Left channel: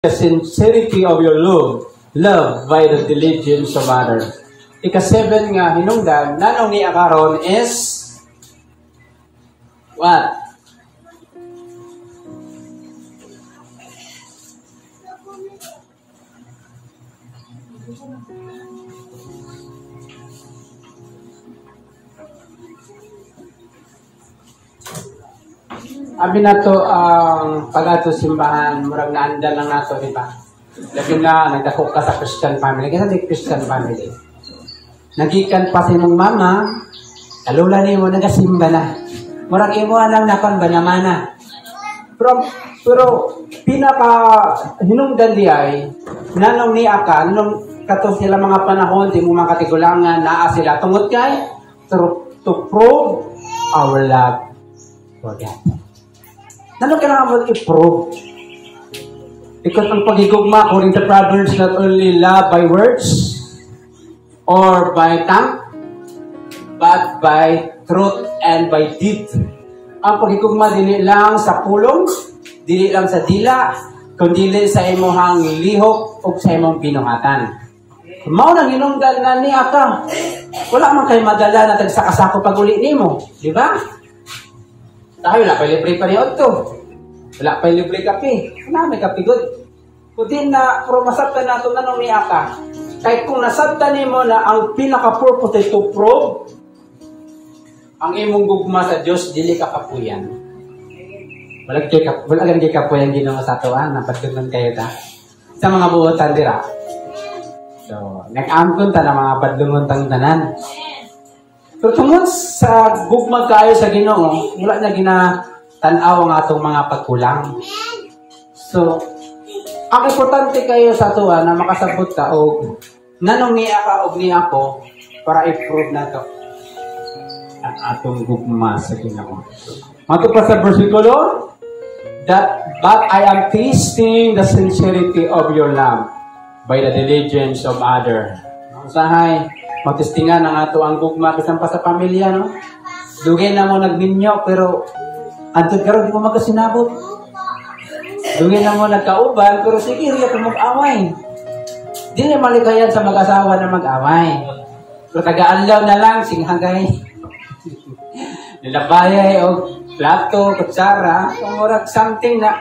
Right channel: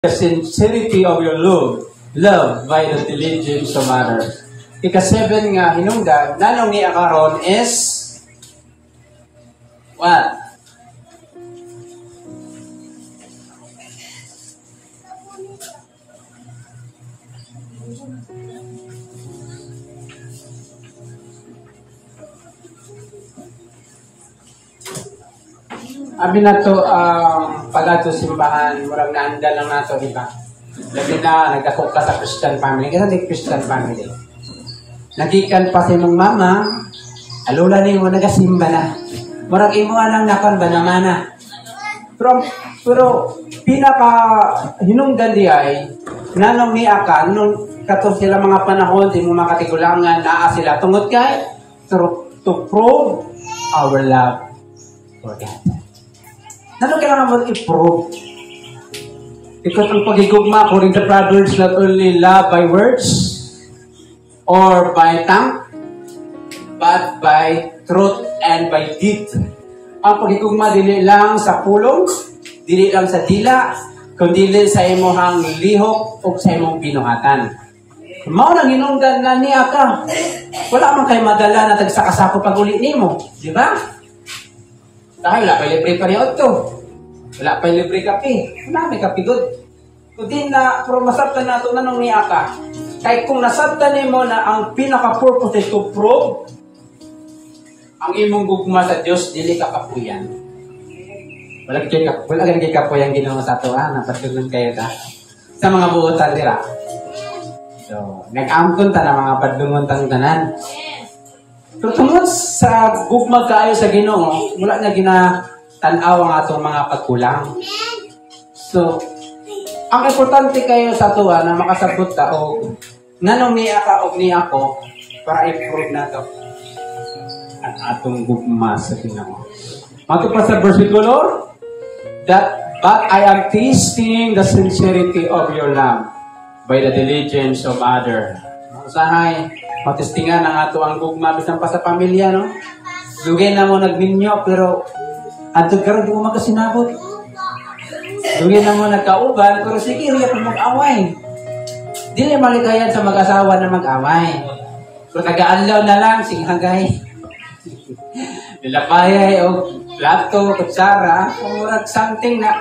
the sincerity of your love by the diligence of others. Ika-7 nga hinungdan, nanong ni akaron is what? Abi na to ang pag-ato simbahan, murag naanda lang nato, di ba? Labi na, nagdako ka sa Christian family. Kasi di Christian family. Nagikan pa si mong mama, alula na yung nagasimba na. Murag imuan lang nakon ba naman na. Pero pinaka hinungdan di ay, nanong ni Akan, nung kato sila mga panahon, di mo makatigulangan, naa sila tungod kay, to prove our love for God. Ano kailangan mo i-prove? Because ang pagigugma, according to Proverbs, not only love by words or by tongue, but by truth and by deed. Ang pagigugma, dili lang sa pulong, dili lang sa dila, kundi sa imong lihok o sa imong binuhatan. Mao nang hinungdan nga niya ka. Wala man kay madala na tagsakasako pag-uli nimo, di ba? Dahil wala pa libre pa niya ito. Wala pa libre kape. May kape good. Kundi na, pero masabtan na ito na nung niya ka. Kaya kung nasabtan mo na ang pinaka-purpose ay to prove ang imong gugma sa Diyos, dili ka kapuyan. Wala ganun kay kapuyan ginawa sa ito, napatunan kayo ta. Sa mga buotan dira. So, nag-amkon ta na mga padlungon tanan. Pero tungod sa gugma kayo sa Ginoo, wala na ginatanaw ang atong mga pagkulang. So, ang importante kayo sa tuwa na makasabot ka o nanong niya ka o niya ako para i-prove na to ang atong gugma sa Ginoo. Mato pa sa versikulo, but I am tasting the sincerity of your love by the diligence of others. Usahay, matestingan ang ato ang gugma bisan pa sa pamilya, no? Dugay na mo nagminyo, pero antod karon di mo magasinabot. Dugay na mo nagkauban, pero sige, riya pa mag-away. Di na maligayan sa mag-asawa na mag-away. Pero taga-alaw na lang, singhagay. Nilabayay o plato, kutsara, o murag something na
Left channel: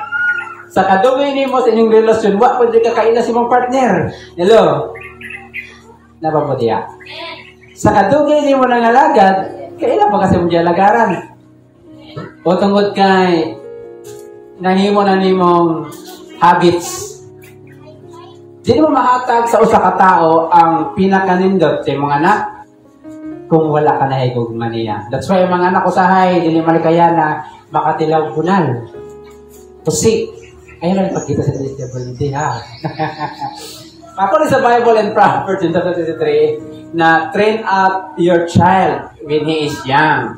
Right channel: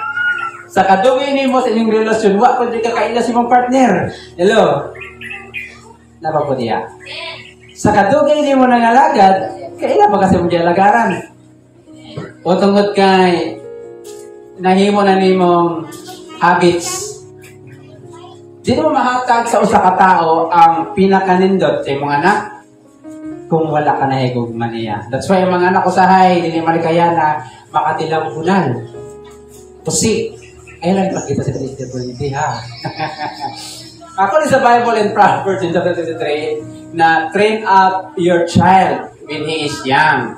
sa kadugay ni mo sa inyong relasyon, wa pa di ka kaila si mong partner. Hello? Napapodiya. Sa kadugay ni mo nangalagad, kaila pa kasi mo diya lagaran. O tungod kay nahimo na ni mong habits. Di mo mahatag sa usa ka tao ang pinakanindot sa imong anak kung wala ka na higugma niya. That's why yung mga anak usahay, dili malikaya na makatilaw punal. Kasi ayun lang ipagkita sa disability, ha? Ako sa Bible in Proverbs in chapter 23 na train up your child when he is young.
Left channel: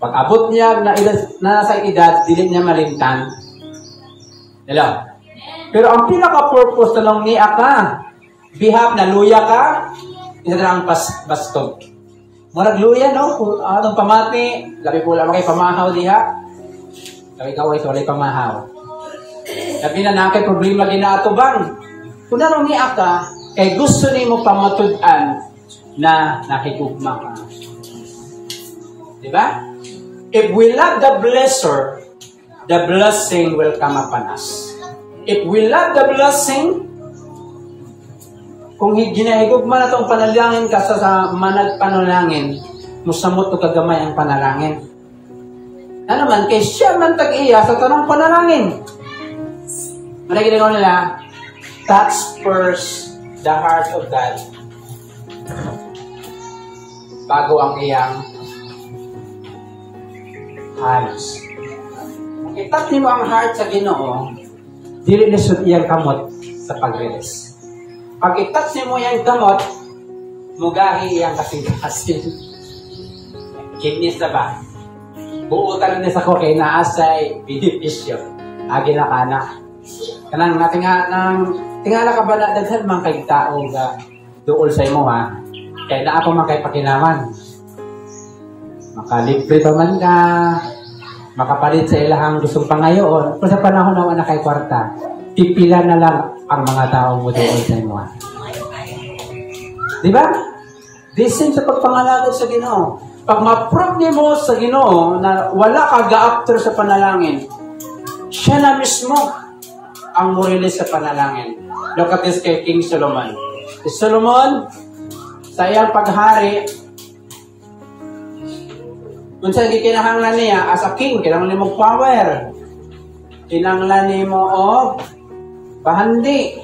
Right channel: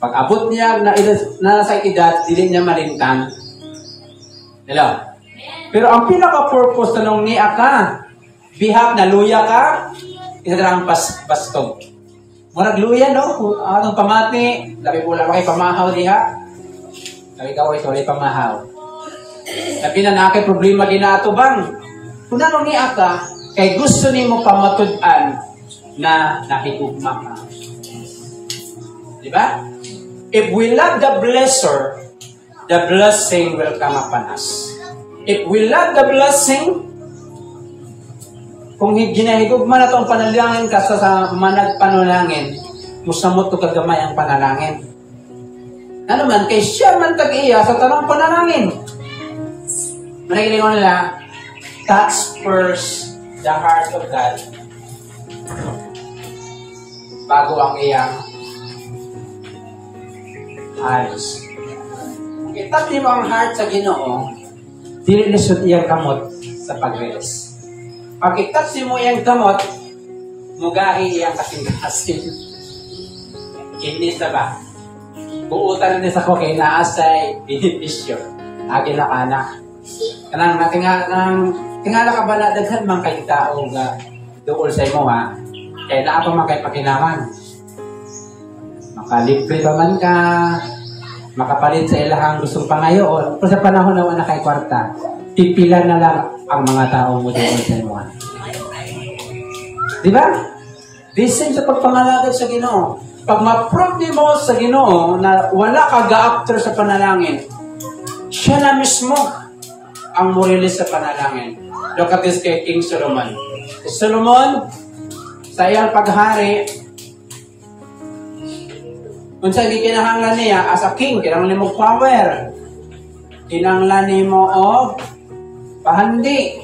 Pag abot niya na nasa edad, dili niya malintan. Hello? Pero ang pinaka-purpose na nung niya ka, bihap na luya ka, isa na ang bastog. Murag luya, no? Ang atong pamati, labi po lang kay pamahaw diha. Labi ka, sorry, pamahaw. Labi na nakay problema ginatubang. Kung nanong niya ka, kay gusto ni mo pamatud-an na nakikugma ka. Diba? If we love the blesser, the blessing will come upon us. If we love the blessing, kung ginahigugma na itong panalangin ka sa manag panalangin, musamot ko kagamay ang panalangin. Ano man, kay siya man tag-iya sa tanong panalangin. Marigin mo nila, touch first the heart of God bago ang iyang eyes. I-touch mo ang heart sa Ginoo, dili lisod iyang kamot sa pag-release. Pag i-touch mo iyang kamot, mugahi iyang kasing-kasing. Kinis na ba? Buutan rin sa ko kay naasay benepisyo. Agi na kana. Kanang tingala ka ba na daghan man kay tao nga duol sa imo, ha? Kaya na ako makipakinaman. Makalibre pa man ka, makapalit sa ilahang gustong pangayo, o sa panahon na kay kwarta. pipila na lang ang mga tao mo doon sa inyo. Di ba? This is sa pagpangalagay sa Ginoo. Pag ma-prove mo sa Ginoo na wala ka ga-after sa panalangin, siya na mismo ang murilis sa panalangin. Look at this kay King Solomon. Si Solomon, sa iyang paghari, kung saan kinahanglan niya, as a king, kinahanglan mo power. Kinahanglan mo o pahandi.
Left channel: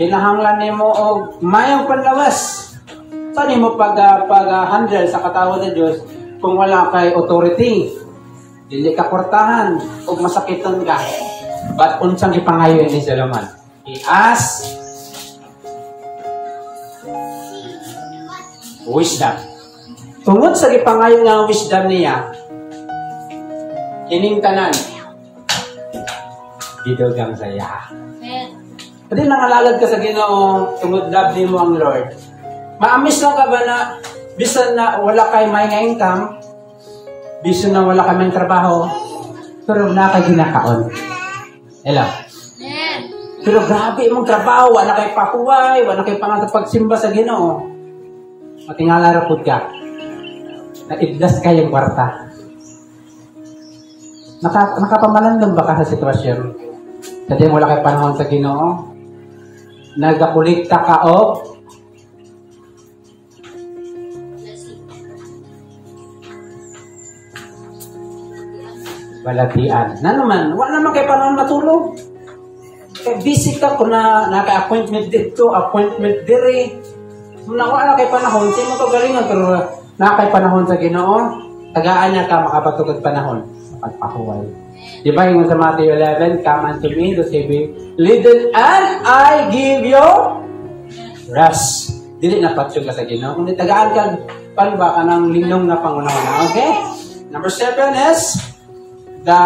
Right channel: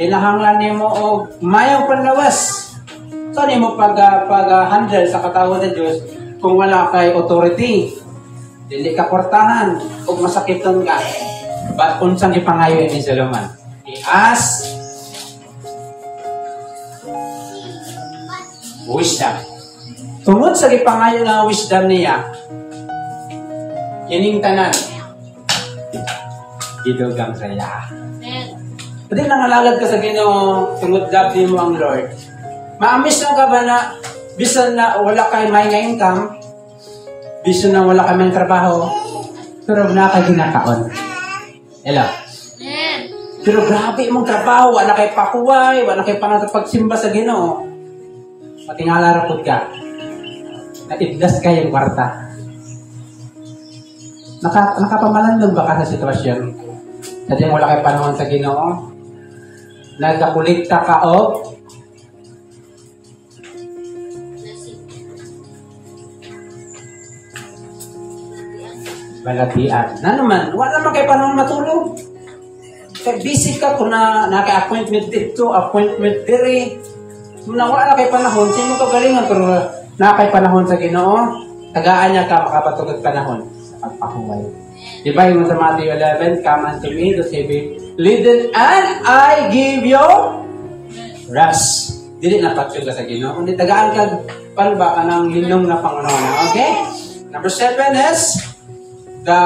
Kinahanglan mo o mayang panlawas. Saan mo pag-handle sa katawan ng Diyos kung wala kay authority? Dili ka portahan o masakitan ka. But unsang ipangayo ni Solomon? He asked wisdom. Tungod sa ipangayo nga wisdom niya, kining tanan, gidugang saya. Pwede nangalagad ka sa Ginoo, tungod labdi mo ang Lord. Maamis lang ka ba na, bisan na wala kay may nga income, bisan na wala kay may trabaho, pero na kay ginakaon. Hello? Pero grabe mong trabaho, wala kay pakuway, wala kay pagsimba sa Ginoo. Matingala rapod ka, na idlas kayong kwarta. Nakapamalandang ba ka sa sitwasyon? Kasi wala kay panahon sa Ginoo? Nagkakulikta ka o balatian. Na naman, wala naman kayo panahon matulog. Kaya busy ka kung naka-appointment dito, appointment dire. Kung wala na kayo panahon, sino ka galingan? Pero naka panahon sa Ginoo, tagaan niya ka makapatulog panahon sa pagpakuway. Diba yung sa Matthew 11, come unto me to save you, lead and I give you rest. Dili na patsyog ka sa Ginoo. Kundi tagaan ka, palba ka ng linong na pangunawa. Okay? Number 7 is the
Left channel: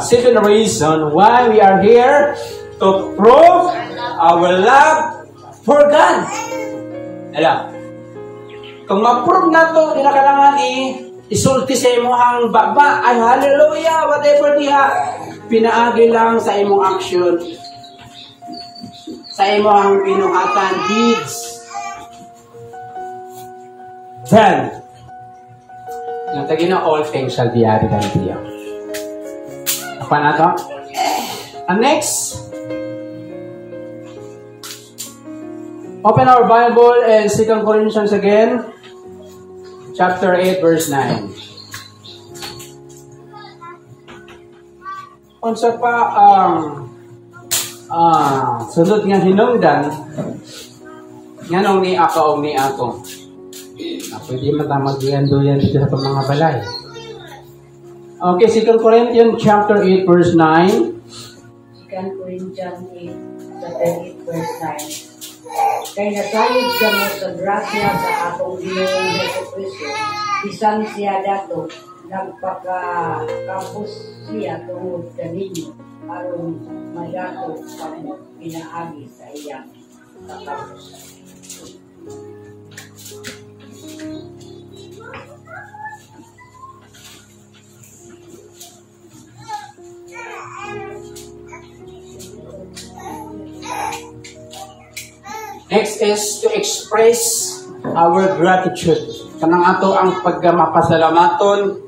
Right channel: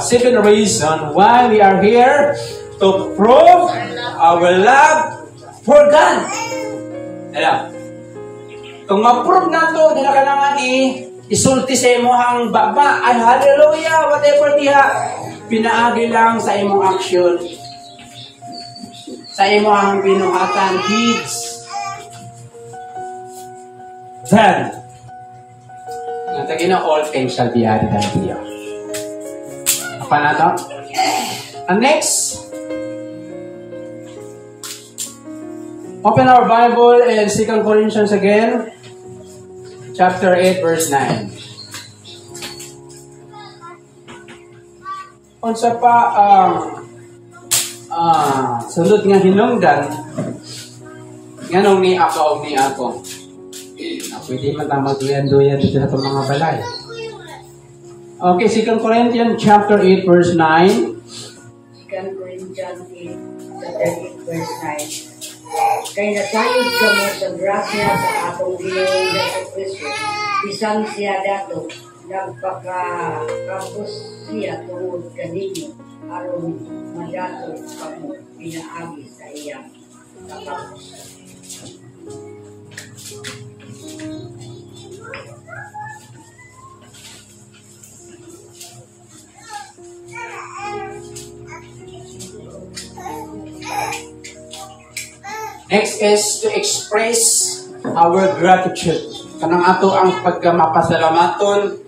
second reason why we are here to prove our love for God. Alam, kung ma-prove na ito, di na kailangan isulti sa imong baba, ay hallelujah, whatever diha, pinaagi lang sa imong action, sa imong binuhatan, deeds. Then, yung tagin na all things shall be added unto you. Apa na ito? And next, open our Bible in 2 Corinthians again, chapter 8, verse 9. Unsa pa sunod nga hinungdan nganong ni ako o ni ako. Pwede matamag-duyan dito sa mga balay. Okay, 2 Corinthians chapter 8, verse 9. 2 Corinthians 8, chapter 8, verse 9. Kay nasayod ka mo sa grasya sa atong Ginoong Jesucristo, bisan siya dato, nagpakakapos siya tungod kaninyo, aron madato pag pinaagi sa iyang kakapos. Next is to express our gratitude. Kanang ato ang pagmapasalamaton,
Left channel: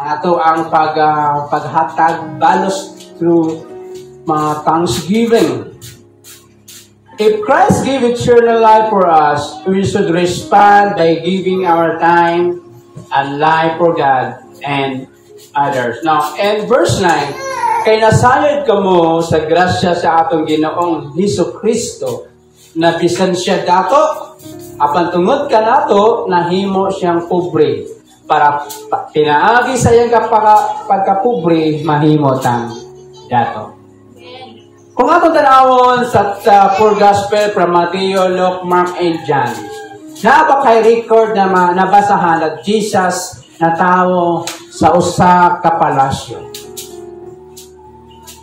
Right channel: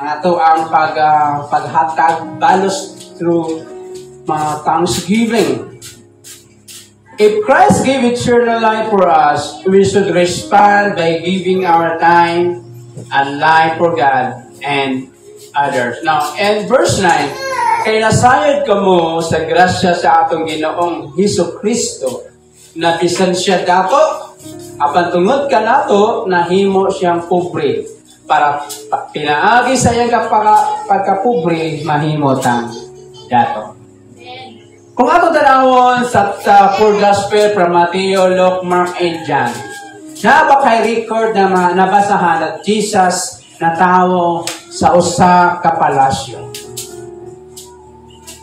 ang ato ang paghatag balos through thanksgiving. If Christ gave eternal life for us, we should respond by giving our time and life for God and others. Now, in verse 9, kay nasayod ka mo sa grasya sa atong Ginoong Jesucristo, na bisan siya dato, apan tungod ka nato, nahimo siyang pobre. Para pinaagi sa iyang pagkapobre, mahimo tang dato. Kung ato tanawon sa full gospel from Matthew, Luke, Mark, and John, naba kay record na nabasahan na Jesus na tao sa usa ka palasyo.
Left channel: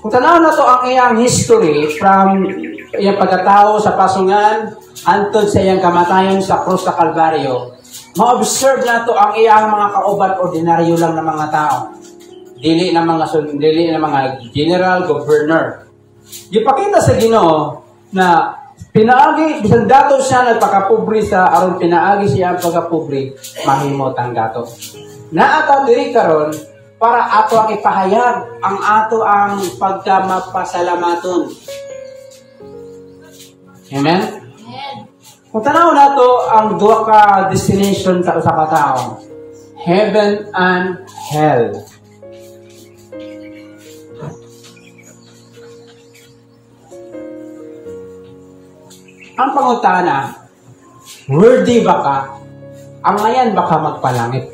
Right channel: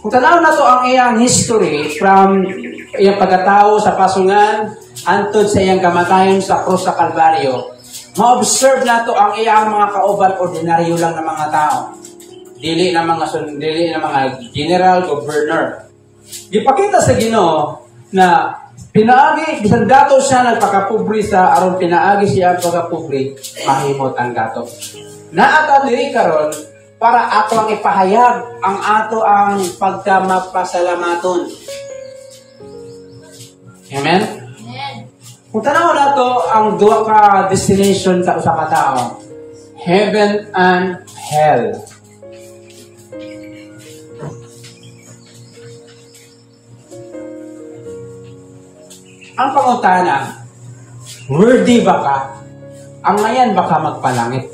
Kung tanaw na to ang iyang history from iyang pagkatao sa pasungan antod sa iyang kamatayon sa krus sa Kalbaryo, ma-observe na to ang iyang mga kauban ordinaryo lang na mga tao. dili na mga general, governor. Gipakita sa Ginoo na pinaagi, bisan dato siya nagpakapobre sa aron pinaagi siya ang pagkapobre, mahimot ang dato. Naata diri karon para ato ang ipahayag ang ato ang pagkamapasalamaton. Amen? Amen. Kung tanaw nato ang duha ka destination sa usa ka tawo, heaven and hell. Ang pangutana, worthy ba ka? Ang ngayon baka magpalangit?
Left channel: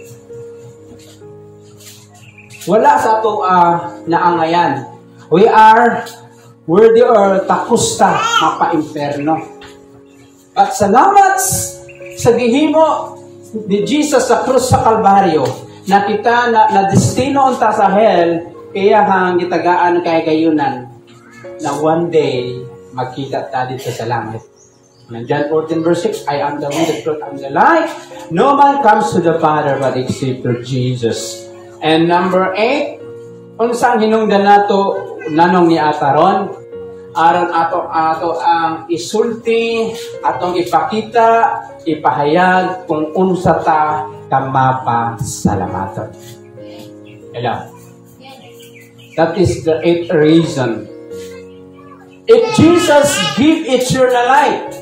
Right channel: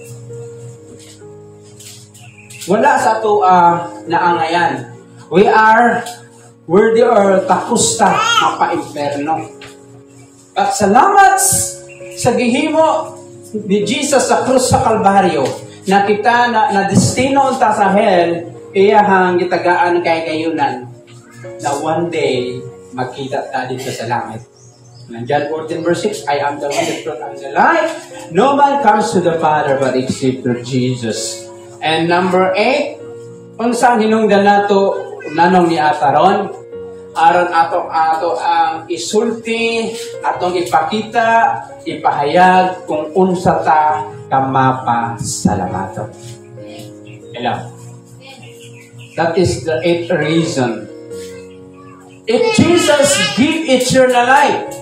Wala sa ito na ang ngayon. We are worthy or tapos ta mapa-imperno. At salamat sa gihimo ni Jesus sa krus sa Kalbaryo, na kita na destino ta sa hell, kaya hang gitagaan kay gayunan na one day makita ta dito sa langit. And John 14 verse 6, I am the way, the truth, and the life. No man comes to the Father but except through Jesus. And number 8, unsang hinungdan nato nanong ni Ataron, aron ato ang isulti, atong ipakita, ipahayag kung unsa ta kamapasalamaton. Hello. That is the 8th reason. If Jesus give eternal life,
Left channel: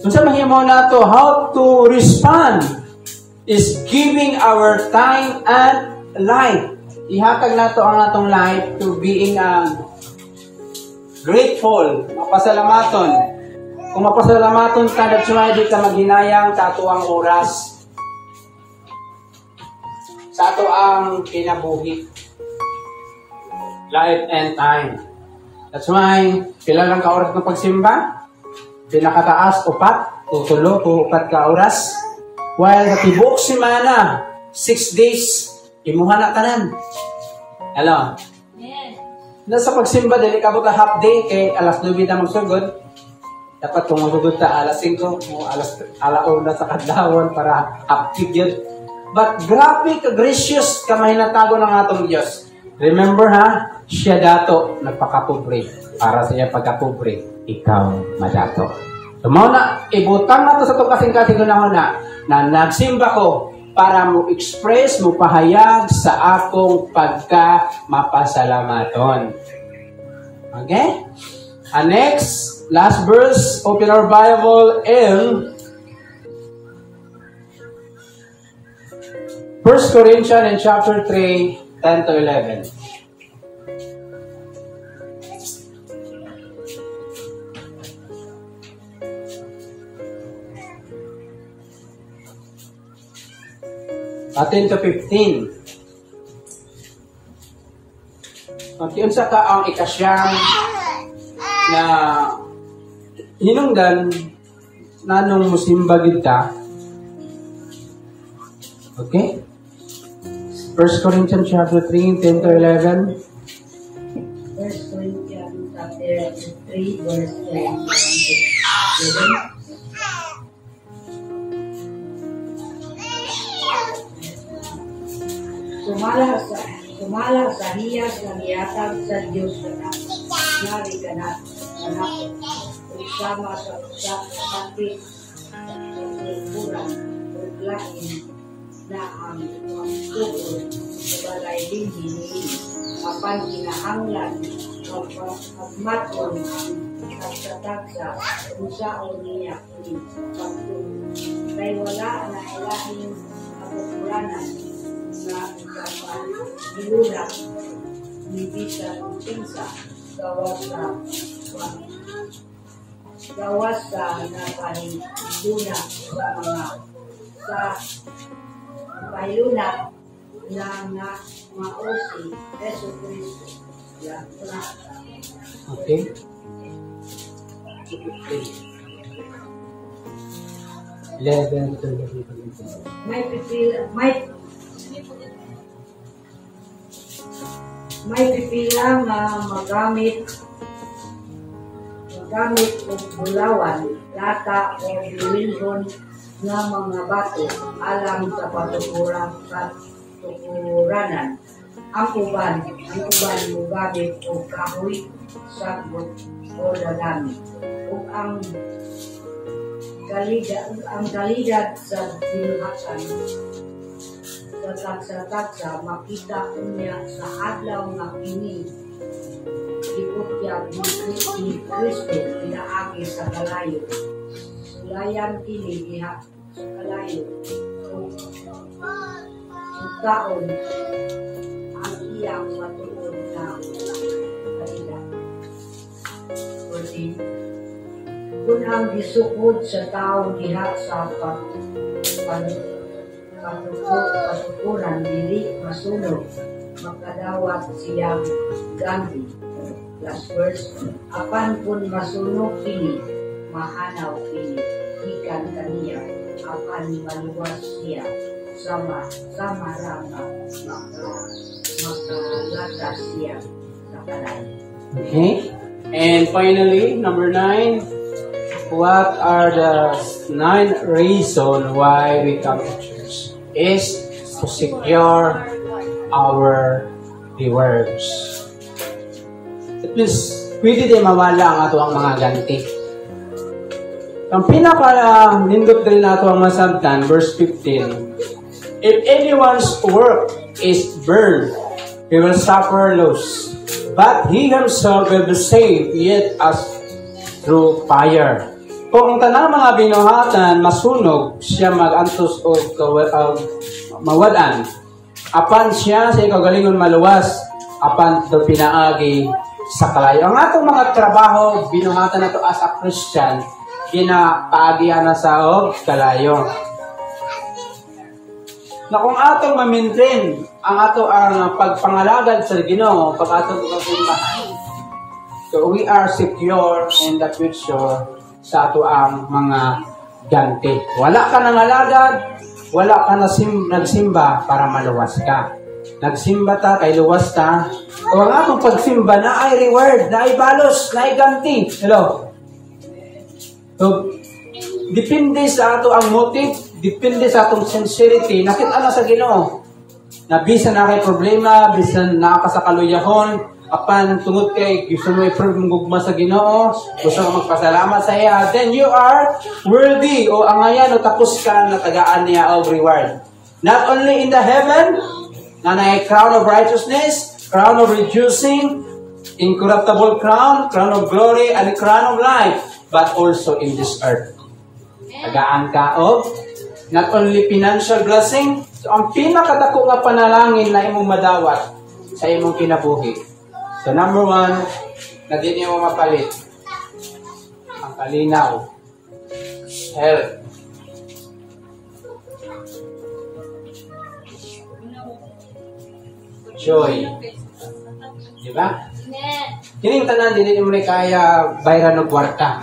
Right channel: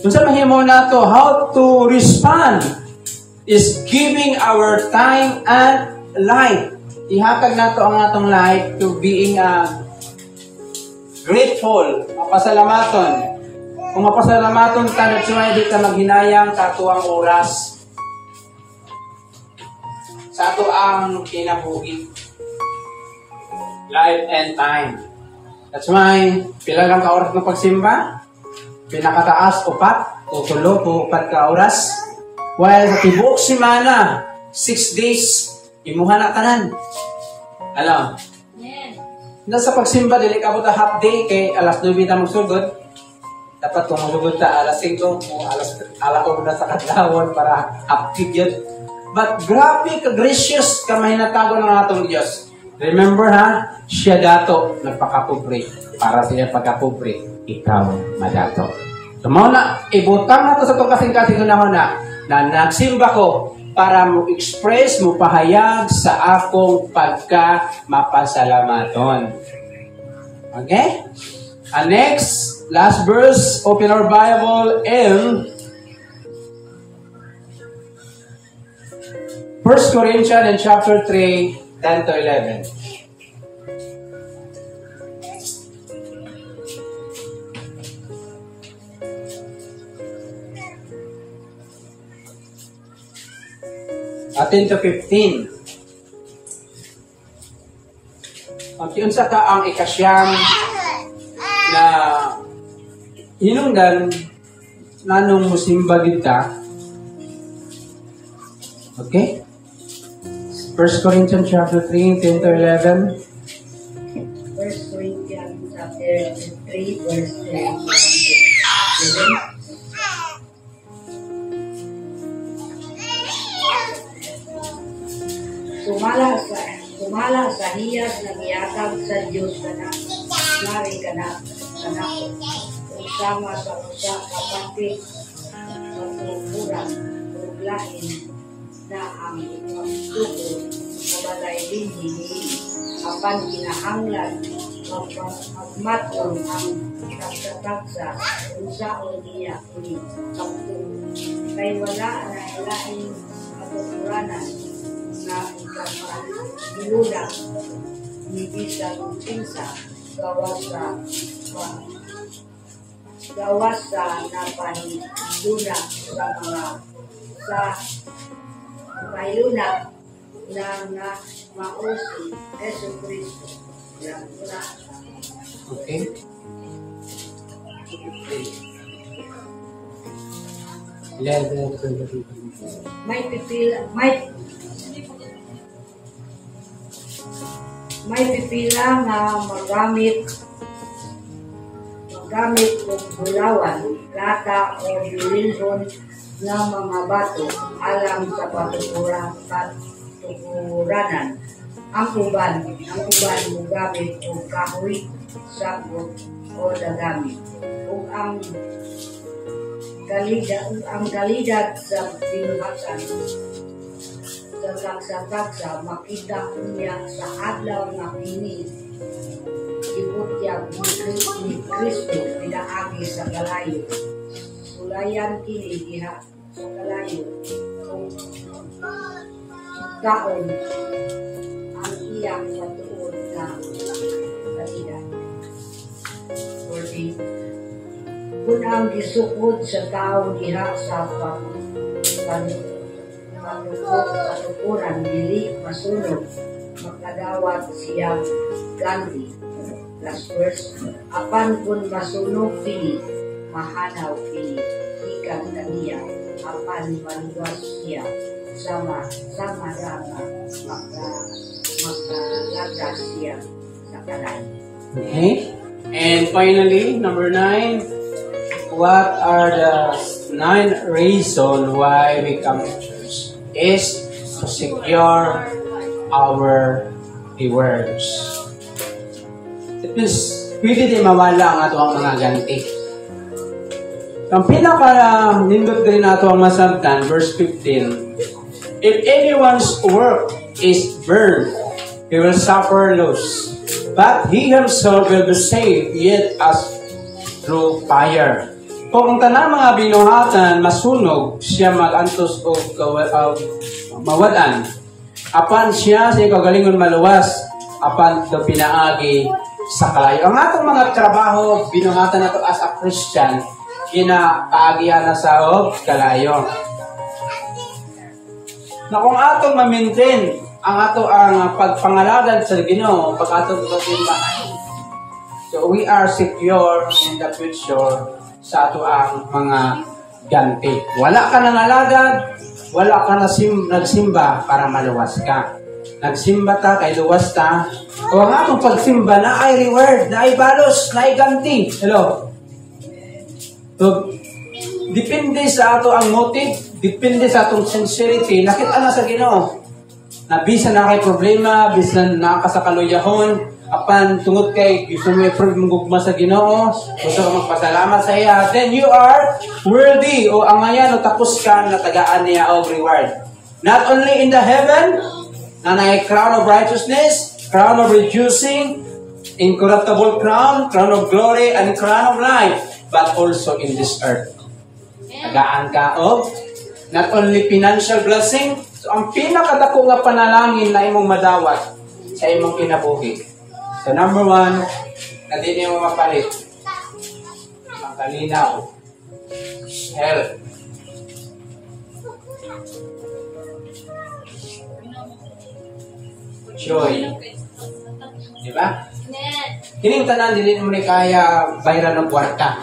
kung sa mahimo nato, how to respond is giving our time and life. Ihatag nato ang atong life to being grateful, mapasalamaton. Kung mapasalamaton ka, nagsumayad ka maghinayang sa ato ang oras, sa ato ang kinabuhi, life and time. That's why, pila lang ka oras ng pagsimba? Pinakataas, 4 o 4 ka oras. While sa tibuok simana, 6 days, imuha na tanan. Alam? Yes. Nasa pagsimba, dili ka buta half day, kay alas 9 na magsugod. Dapat kung magsugod ta alas 5, o alas 1 sa kadlawon para active yun. But grabe ka gracious ka mahinatago ng atong Diyos. Remember ha, siya dato nagpakapobre. Para siya pagkapobre, ikaw madato. So muna, ibutang nato sa ito kasing-kasing na nagsimba ko para mo express, mo pahayag sa akong pagka-mapasalamaton. Okay? And next, last verse, open our Bible in 1 Corinthians in chapter 3, 10 to 11. Atin to 15. At yun sa ang ikasyang na hinungdan nanong musimba kita. Okay? 1 Corinthians chapter 3, 10 to 11. 1 Corinthians chapter 3, verse 11. Sumala sa hiyas na miyatag sa Diyos kanak, nari kanak, kanako, usama sa usa kapatid sa tukuran, uglain na ang pagtukod, kabalay din hinihin, apan kinahanglan, magmaton ang pagtatagsa, usaon niya ini, pagtukod, kay wala na ilahin kapaturanan, na ikapahilulang ni bisan pinsa gawas sa napahiluna sa mga sa pahiluna na nga mausi Yesu Kristo. Okay. May pipila nga magamit og bulawan, lata o bililhon nga mga bato alang sa patukuranan Ang uban mo gamit o kahoy, sagot o dagamit. O ang kalidad sa binuhatan sa taksa makita niya sa adlaw nga kini iputyag ni Kristo pinaagi sa kalayo. Sulayan kini diha sa kalayo. Taon ang iyang matuod na kalidad. 14. Kung ang gisukod sa tao diha sa patukuran dili masunod, makadawat siyang ganti. Last verse, apan kung masunog kini, mahanaw kini, ikan kaniya, apan maluwas siya, sama rama, makalatas siya sa kalay. Okay. And finally, number 9, what are the 9 reasons why we come to church? Is to secure our rewards. It means, pwede din mawala ang ato ang mga ganti. Ang pinaka-nindot din nato ang masabtan, verse 15, if anyone's work is burned, he will suffer loss. But he himself will be saved, yet as through fire. Kung ang tanang mga binuhatan masunog, siya mag-antos o mawadan. Apan siya sa ikagalingon maluwas, apan do pinaagi sa kalayo. Ang atong mga trabaho, binuhatan na to as a Christian, kinapaagihan na sa kalayo. Na kung atong ma-maintain ang ato ang pagpangalagad sa Ginoo, pag atong pagpimbahan. So we are secure in the future sa ato ang mga ganti. Wala ka nang alagad, wala ka nagsimba para maluwas ka. Nagsimba ta, kay luwas ta. O ang atong pagsimba na ay reward, na ay balos, na ay ganti. Hello? So, depende sa ato ang motive, depende sa atong sincerity. Nakita na sa Ginoo na bisan na kay problema, bisan na ka sa kaluyahon, apan tungod kay gusto mo i-prove mong gugma sa Ginoo, gusto ka magpasalamat sa iya, then you are worthy o angayan o tapos ka na tagaan niya o reward. Not only in the heaven, na may crown of righteousness, crown of rejoicing, incorruptible crown, crown of glory, and crown of life, but also in this earth. Tagaan ka of not only financial blessing, so ang pinakadako nga panalangin na imong madawat sa imong kinabuhi. So number 1, na di niyo mapalit, ang kalinaw, health. Joy. Di ba? Kining tanan, dili mo ni kaya bayran ng kwarta.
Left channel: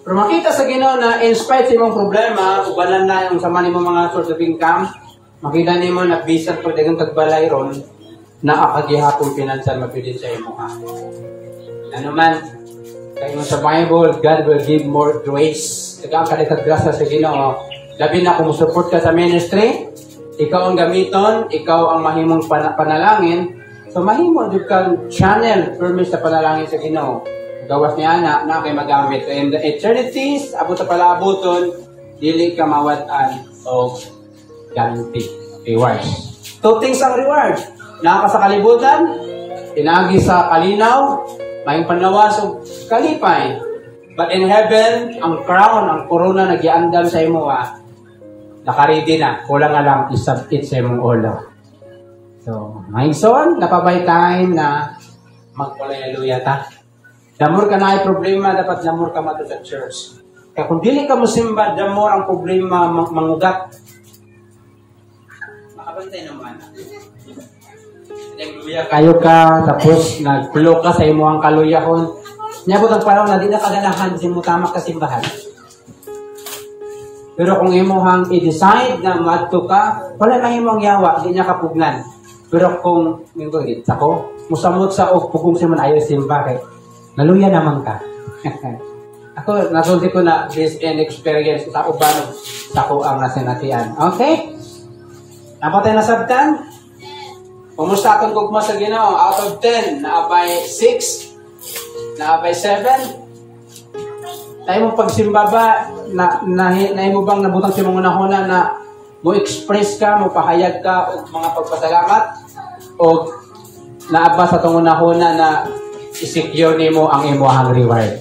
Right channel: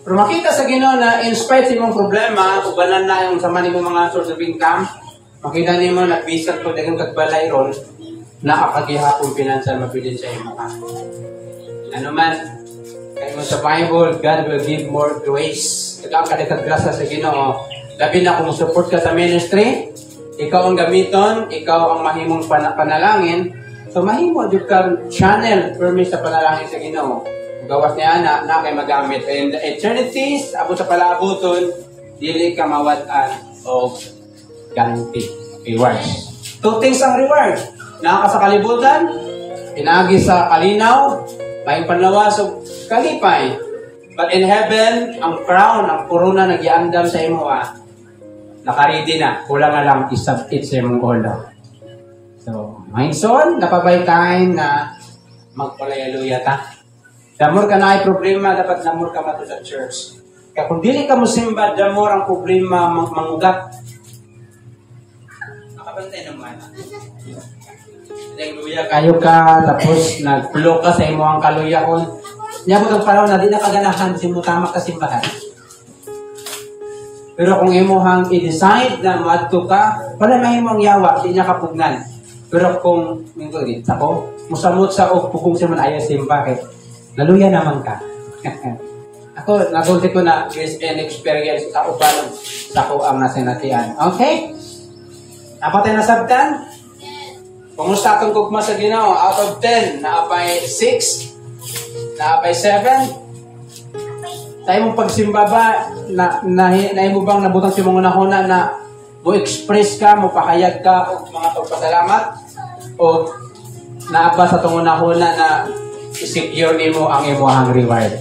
Pero makita sa Ginoo na in spite sa imong problema, ubanan na yung sama nimo mga source of income, makita nimo na bisan po dagang kagbalay ron, nakakagihapon financial mapilin sa imo ka. Ano man, kaya mo sa Bible, God will give more grace. Ikaw ang kadikag grasa sa Ginoo. Labi na kung support ka sa ministry, ikaw ang gamiton, ikaw ang mahimong panalangin, so mahimo din ka channel permis sa panalangin sa Ginoo. Gawas niya na kay magamit. And the eternities, abot sa palaaboton, dili ka mawatan o ganti. Reward. 2 things ang reward. Naka sa kalibutan, pinagi sa kalinaw, may panlawas o kalipay. But in heaven, ang crown, ang corona nagiandam sa imo nakaredy na. Kulang nga lang isabit sa imong ulo. So, mindson, napabay time na magpalayaluya ta. Damor ka na ay problema, dapat damor ka mato sa church. Kaya kung dili ka musimba, damor ang problema mangugat. Nakabantay naman. Nagluya kayo ka, tapos nagplo ka sa imo ang kaluyahon. Nyabot ang parang na di na kaganahan, simutama ka simbahan. Pero kung imuhang i-decide na madto ka, wala mahimong yawa, di niya kapugnan. Pero kung, ako, musamot sa pukong siya man ayaw simba, kay naluya naman ka. Ako, nasulti ko na based on experience sa uban sa ako ang nasinatian. Okay? Napatay na sabtan? Kumusta akong gugma sa Ginoo? Out of 10, naabay 6? Naabay 7? Tayo mo pagsimba ba, na mo bang nabutang si mga nahuna na mo express ka, mo pahayag ka o mga pagpasalamat? O naaba sa itong nahuna na i-secure mo ang imuhang reward?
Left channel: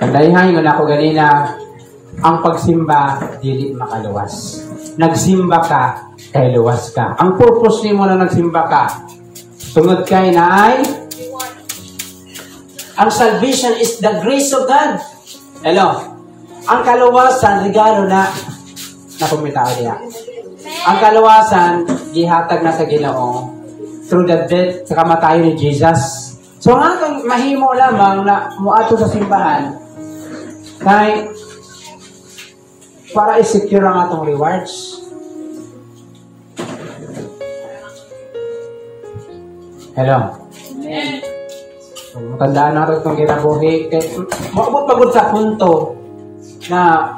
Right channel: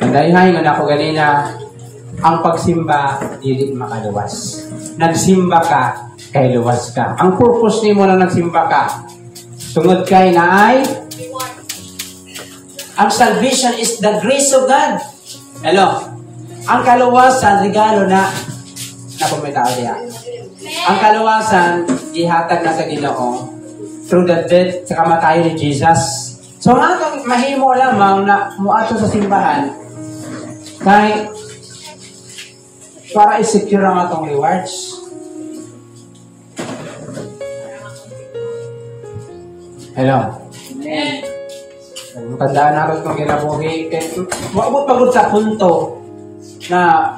Kandayahin mo na ako ganina, ang pagsimba, dili makaluwas. Nagsimba ka, kay luwas ka. Ang purpose ni mo na nagsimba ka, tungod kay na ay, ang salvation is the grace of God. Hello? Ang kaluwasan, regalo na kumita ko niya. Ang kaluwasan, gihatag na sa Ginoo through the death sa kamatayon ni Jesus. So, ang mahimo lamang na muato sa simbahan, kay para i-secure ang atong rewards. Hello? Amen. So, matandaan natin kung ginabuhi. Maabot pagod sa punto na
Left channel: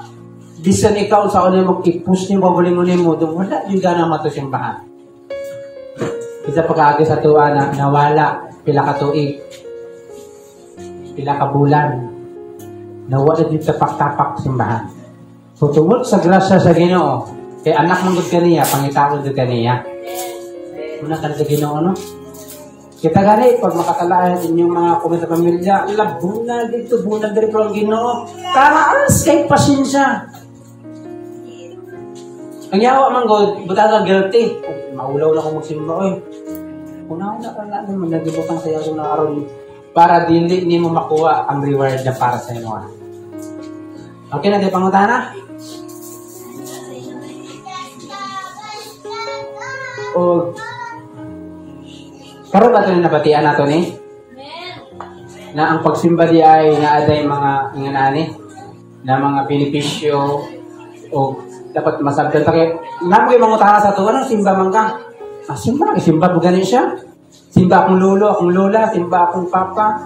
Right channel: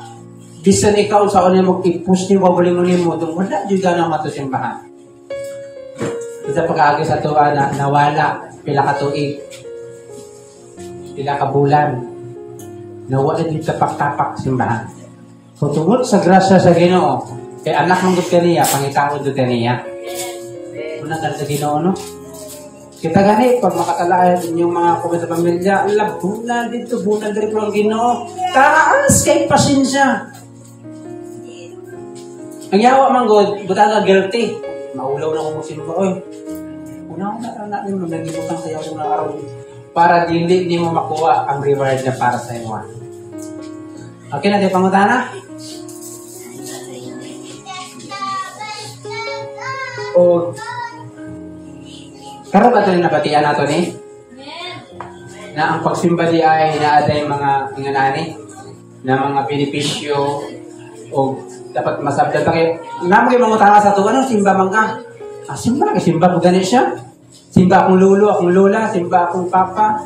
bisan ikaw sa ulit mo i-push niyo, babaling-uling mo, doon wala yung ganang matusimbahan. Isa pag-aagi sa tuwa na nawala, pila ka tuig, pila ka bulan, nawala yung tapak-tapak simbahan. So, tungod sa grasya sa Ginoo, kay anak ng gud kaniya, pangitaon gud kaniya. Una ka sa Ginoo, no? Kita gani, pag makatalayan inyong mga kumita sa pamilya, ala, bulan dito, bulan dito ang Ginoo. Taraas kay pasensya. Ang yawa man god, buta ka guilty. Maulaw na akong magsimba, oy. Una na ka natin, maglagibutang sa'yo kung nakaroon para hindi mo makuha ang reward na para sa inyo. Okay na, di pangutana? O, karon ba ito na nabatian nato ni? Na ang pagsimba di ay naaday mga inganani na mga benepisyo o dapat masabdan pa kayo. Naman kayo mangutana sa ito, anong simba man ka? Simba ko ganit siya. Simba akong lolo, akong lola, simba akong papa.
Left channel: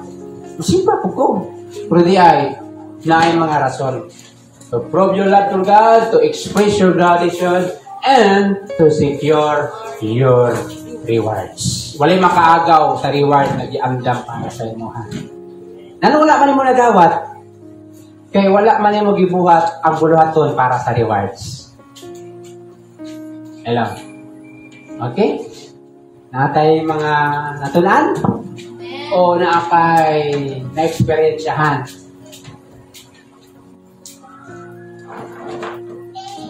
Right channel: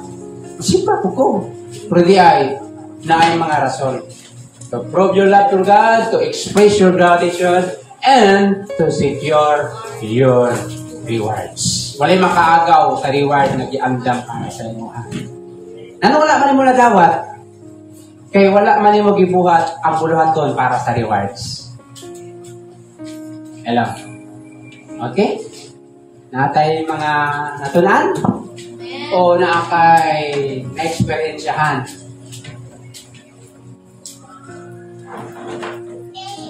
Simba ko. Pero di ay na ay mga rason. To prove your love to God, to express your gratitude, and to secure your rewards. Walay makaagaw sa reward na giandam para sa imo. Ano wala man mo nagawat? Kay wala man mo gibuhat ang buluhaton para sa rewards. Hello. Okay? Natay mga natunan? O naakay na-experiensyahan?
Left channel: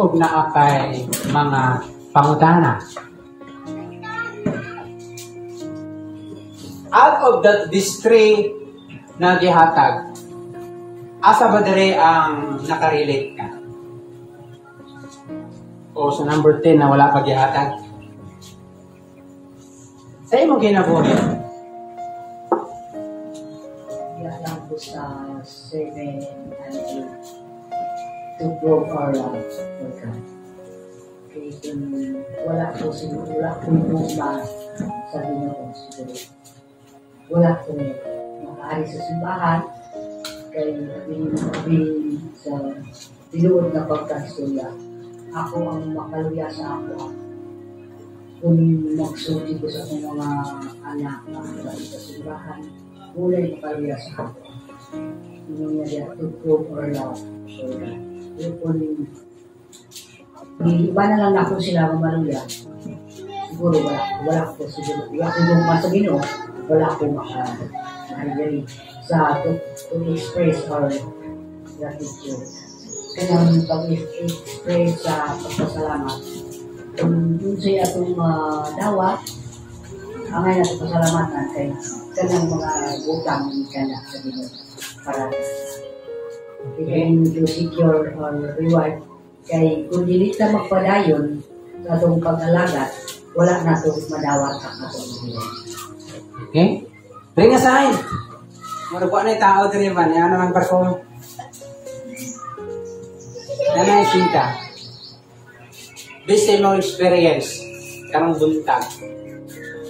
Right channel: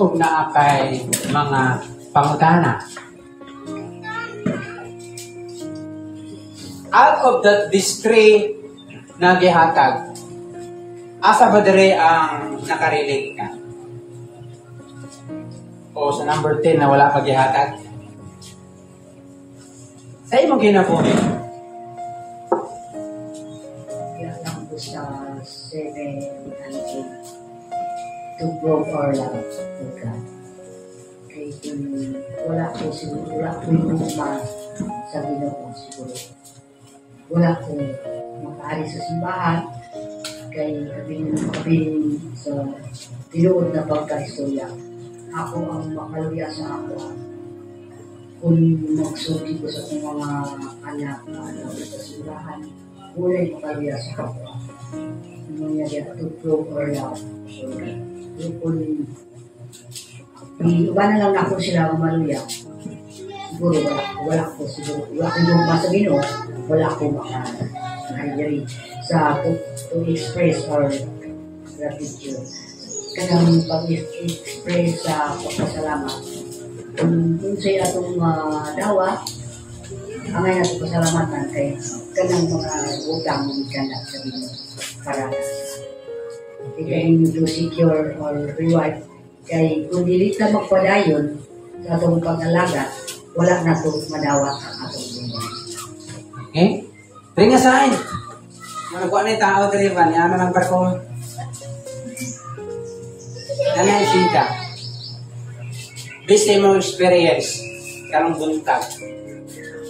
O naakay mga pangutana? Out of these three na gihatag, asa ba diri ang nakarelate ka? O sa number 10 na wala pa gihatag? Sa imong ginabuhi? Yan po sa 7 and 8 to prove our love for God. Kaya kung wala po siguro, wala po yung sa Ginoo siguro. Wala po makaari sa simbahan kay abing sa tinuod na pagka-istorya. Ako ang makaluya sa ako. Kung magsulti ko sa akong mga anak na sa simbahan, walay makaluya sa ako. Yung niya to prove our love. So, kung iba na lang ako sila mamaluya, siguro wala ko siguro. Wala ko yung masabino, wala ko makahayari sa to express our gratitude. Kanang pag-express sa pagpasalamat. Kung sa'yo atong dawa, ang ngayon atong pasalamatan kay kanang mga utang ka na sa Ginoo para kay to secure our reward. Kay kung dili ta magpadayon sa atong pag-alagat, wala na ito madawat ang atong reward. Okay? Bring aside. Nagkuha na yung tao dali ba? Yan naman barko. Nanay sinta. Based sa mga experience, karong buntag,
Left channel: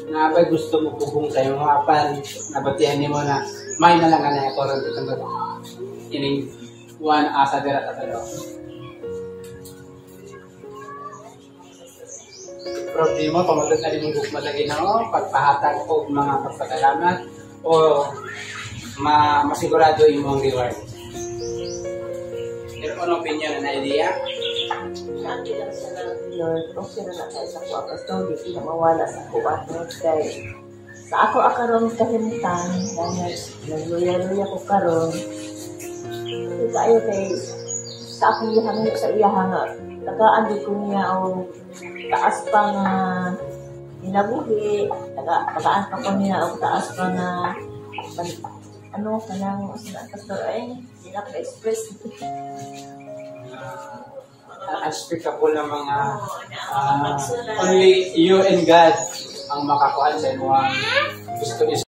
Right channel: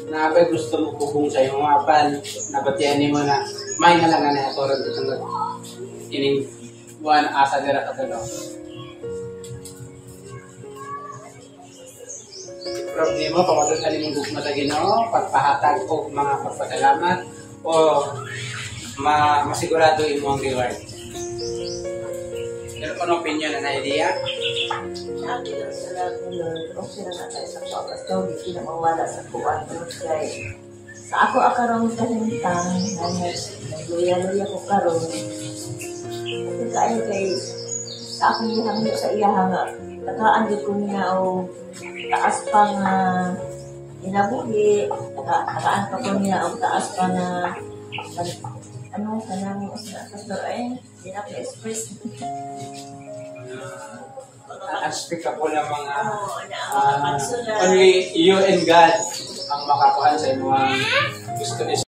na abay gusto mo kubong sa iyong mga pan, nabatian mo na may na lang na ako rin itong ining one asa dira ka sa problema, pamulot na rin yung malagi no, pagpahatag o mga pagpasalamat o masigurado yung mga reward. Pero ano opinion na idea? Sa akin lang sa lahat ni Lord, kung sino na tayo sa pagkas, hindi kinamawala sa kuwan. Kaya sa ako akaroon kalimtan, dahil nagloyal ko karoon, kasi tayo kay sa akong ihang sa iyahang, nakaandi ko niya o taas pa nga inabuhi, nakaan pa ko niya o taas pa nga ano, kanang mas na ay, hindi na ka-express. Unspeakable na mga Pagsulat. only you and God ang makakuha sa mga gusto